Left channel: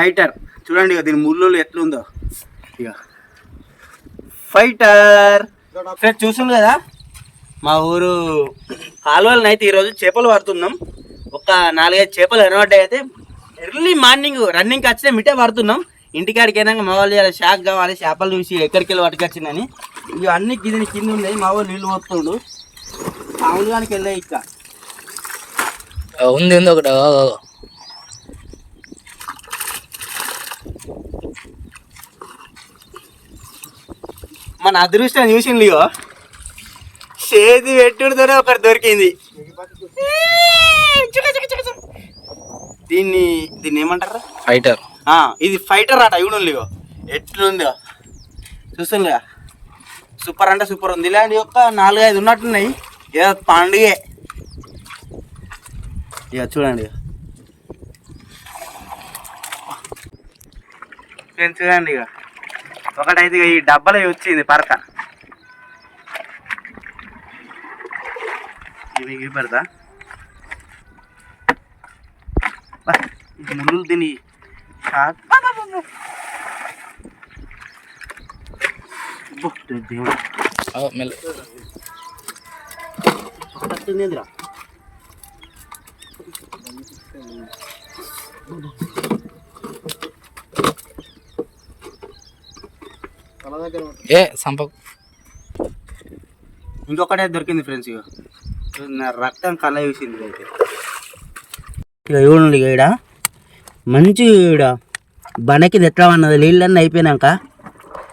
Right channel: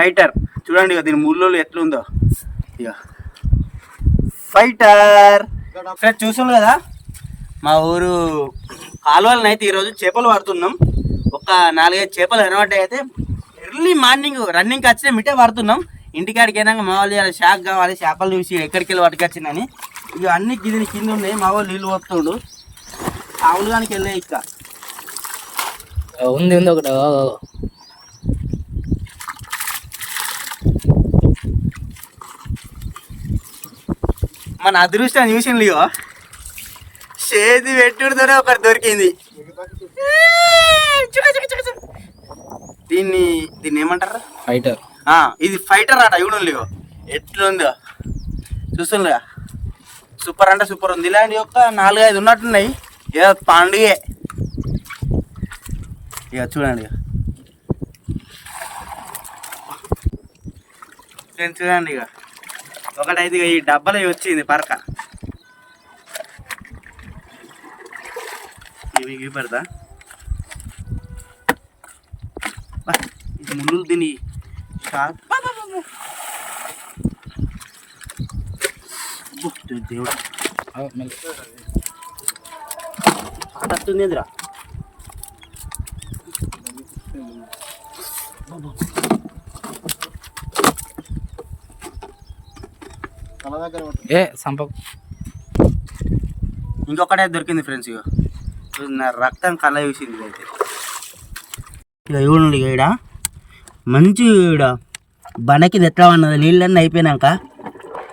Fighter. చూడండి ఇక దీని ముళ్ళు ఎట్లుందో. ఇక ఫైటర్. ఫ్రెండ్స్ చూస్తుంది కదా? మా ఊరు కాలువలను అయితే ఈరోజు చేపలు పడుతున్నాం. ఒక నాలుగైదు చేపలు ఎనబడ్డాయి అయితే ఎర్లీ మార్నింగ్ రన్నింగ్కి వచ్చిన మిట్టే పడుతున్నాం. ఇంటికాడికి అయినాక మా వాళ్ళు ఇలా షాక్ కావాలి చేపలు చూసి ఎక్కడికి వెళ్ళి పట్టుకొచ్చిందని. ఇవి అన్ని గిన్నె కింద ఉన్నాయి మా వాళ్ళు నీళ్ళు పోతుండు కానీ వెళ్ళాయి ఇక ఉంది ఉంది ఒకటి. మన అదృష్టం చూసింది ఇగో. చేతి పెట్టుడుతోనే ఒకటి దొరికింది. చుక చుక చుక చుక. దీన్ని దీన్ని ఏమంటారా? ఫైటర్ ఆ, ఇది ఫైటర్ ఆట ఇవి ఇగో. ఎట్లుందో. చూస్తుందిగా సూపర్ అంటే సూపర్ ఉంది. ఇలాంటి యొక్క నాలుగైదు ఉన్నట్టున్నాయి. ఇక పండుగే. ఇక చూడండి ఇక చూడండి ఇక ఒకటైతే ఈ డబ్బాలో వచ్చింది పరక. ఇవి ఇవి పెడతా. ముళ్ళు తిని దేవుడా. ఏ సంపకు ఇంకొకటే దొరికింది ఫ్రెండ్స్ ఇక రక్తం కళ్ళ చూసింది అయితే ఇక చూడండి ఇక ఈడ? మంచి ఈడ. బనకి ఎట్లా ఉన్నది నీళ్ళన్నీ అయిపోయినాక.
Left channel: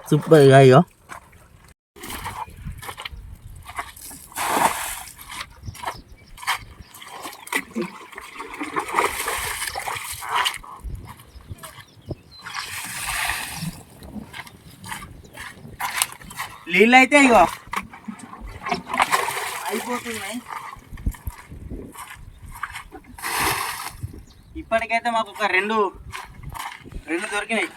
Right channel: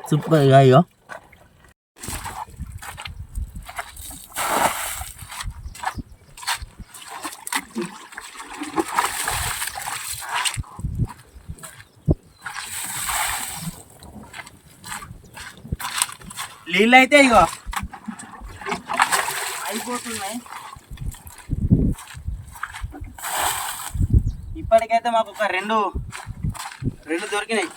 సూపర్ అయ్యో నీళ్ళు అయితే ఇగో. అయిపోతున్నాయి ఇప్పటికైతే మాకు ఒక రెండు రెండు దొరికినాయి.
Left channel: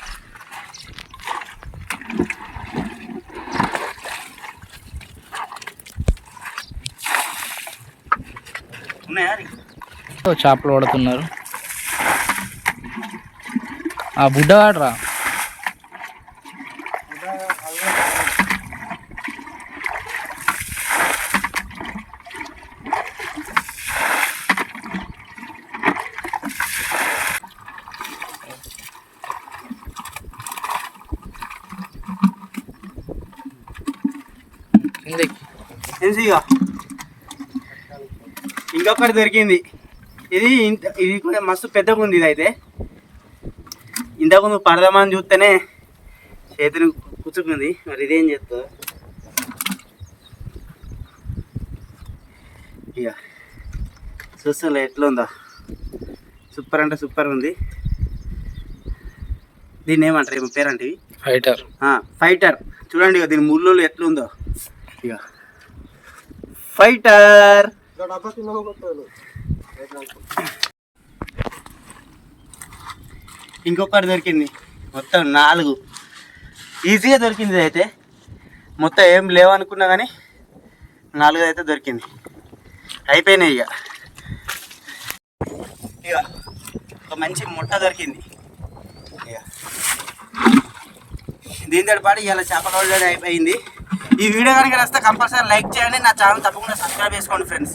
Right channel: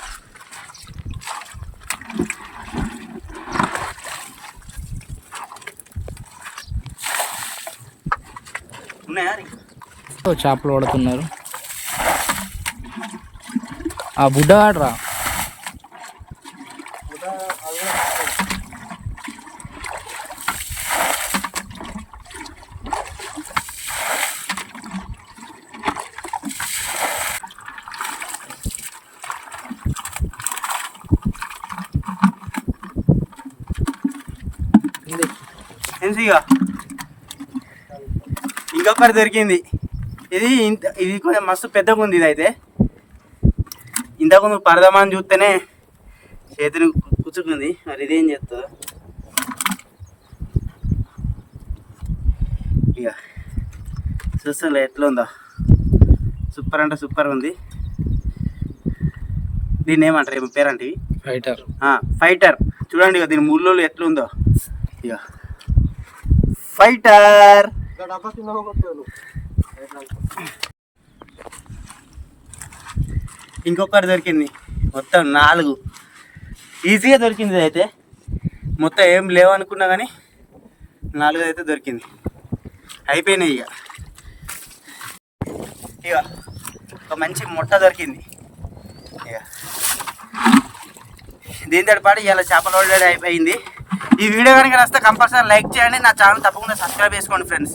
ఉన్నాయా చేపలు పడుతున్నారు. ఆ బుడ్డ ఆడరా ఎన్సీగా ఇంకొకటి దొరికింది. ఇది ఇంత ఇది కొంచెం మస్తు పెద్దగా ఉంది ఇది అయితే ఇంతకు నువ్వు పడదామని చూస్తేనే చేతిని కు- కుచ్చుకుంది. మరి ఇదేం చేస్తుందో? ఇక చూస్తుండే ఎట్లా ఉందో. సూపర్ అంటే సూపర్ ఉంది. దీన్ని ఏమంటారు? ఏమో పేరంటే ఇవి? ఫైటర్ ఆ, ఫైటర్ చూడండి ఇక దీని ముళ్ళు ఎట్లుందో. ఇక ఫైటర్ ఇంకొకటి దొరికింది. మొత్తం నాలుగు. ఈజీగా దొరికింది అయితే. మొత్తం ఏం లేవనుకున్నా కానీ నాలుగు అయితే దొరికింది. అయిపోయినాయి ఇక. ఇక ఒక మంచి ముట్ట దొరికింది. ఇక. దీంతో పాటు ఇలా చేపల ఆల్రెడీ అయిపోయింది. ఈ వీడియో కనుక నచ్చితే కంపల్సరీ లైక్ చేయండి. నా ఛానల్ తప్పకుండా సబ్స్క్రైబ్ చేసుకోండి ఫ్రెండ్స్.